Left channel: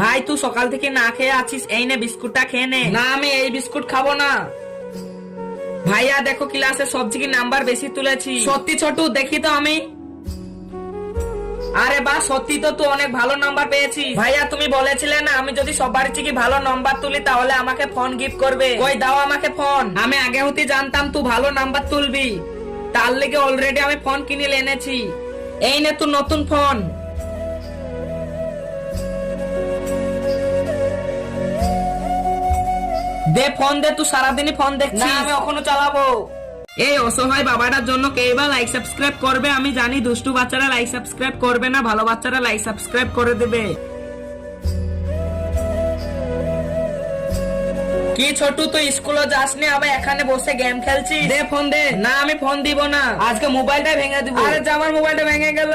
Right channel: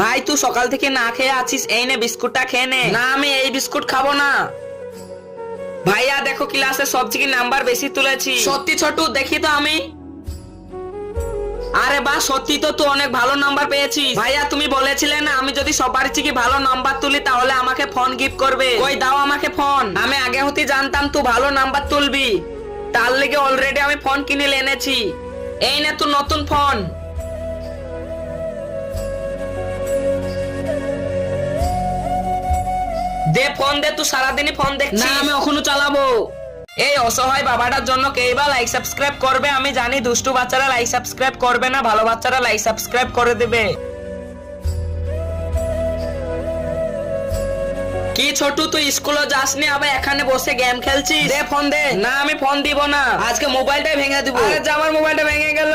ভাই তুই সকাল থেকে না খেয়ে আছিস, এই নে বিস্কুটটা খেয়ে নে। না আমি এই বিস্কুট খাবো না। ভাইয়া দেখো ক্লাসে সবচেয়ে নাম্বার বেশি তুলেছি। সত্যি ছোটু? দেখি তো আমি। আরে বাহ, সত্যি তো তুই অনেক ভালো নাম্বার পেয়েছিস। ভাইয়া তুমি বলেছিলে না আমি যদি সবার থেকে ভালো নাম্বার তুলি তাহলে আমাকে ফোন গিফট করবে। ওই দাও আমাকে ফোন। আমি আগে হতে জানতাম তুই ভালো নাম্বার তুলবি, তার লেগে অলরেডি আমি ফোন কিনে এনেছি। এই নে তুই নতুন ফোন। দে ফোন দে, তুই সারাদিনই ফোন দেখছিস। না আমি এখনো চালাবো। এই অসহায় বাবাটার জন্য কেই বা লাইক সাবস্ক্রাইব করবে? আমি জানি দুষ্টু বাচ্চারা লাইক সাবস্ক্রাইব করবে না, ভালো বাচ্চারা লাইক সাবস্ক্রাইব করে দেবে। কি ছোটু তুই স্কুলে যাসনি, আবার এখানে বসে গেম খেলছিস? দে ফোন দে। না আমি ফোন দিব না, আজকে মোবাইলটা ভেঙে দিব। আরে যা, আমার মোবাইলটা ভেঙে গেল।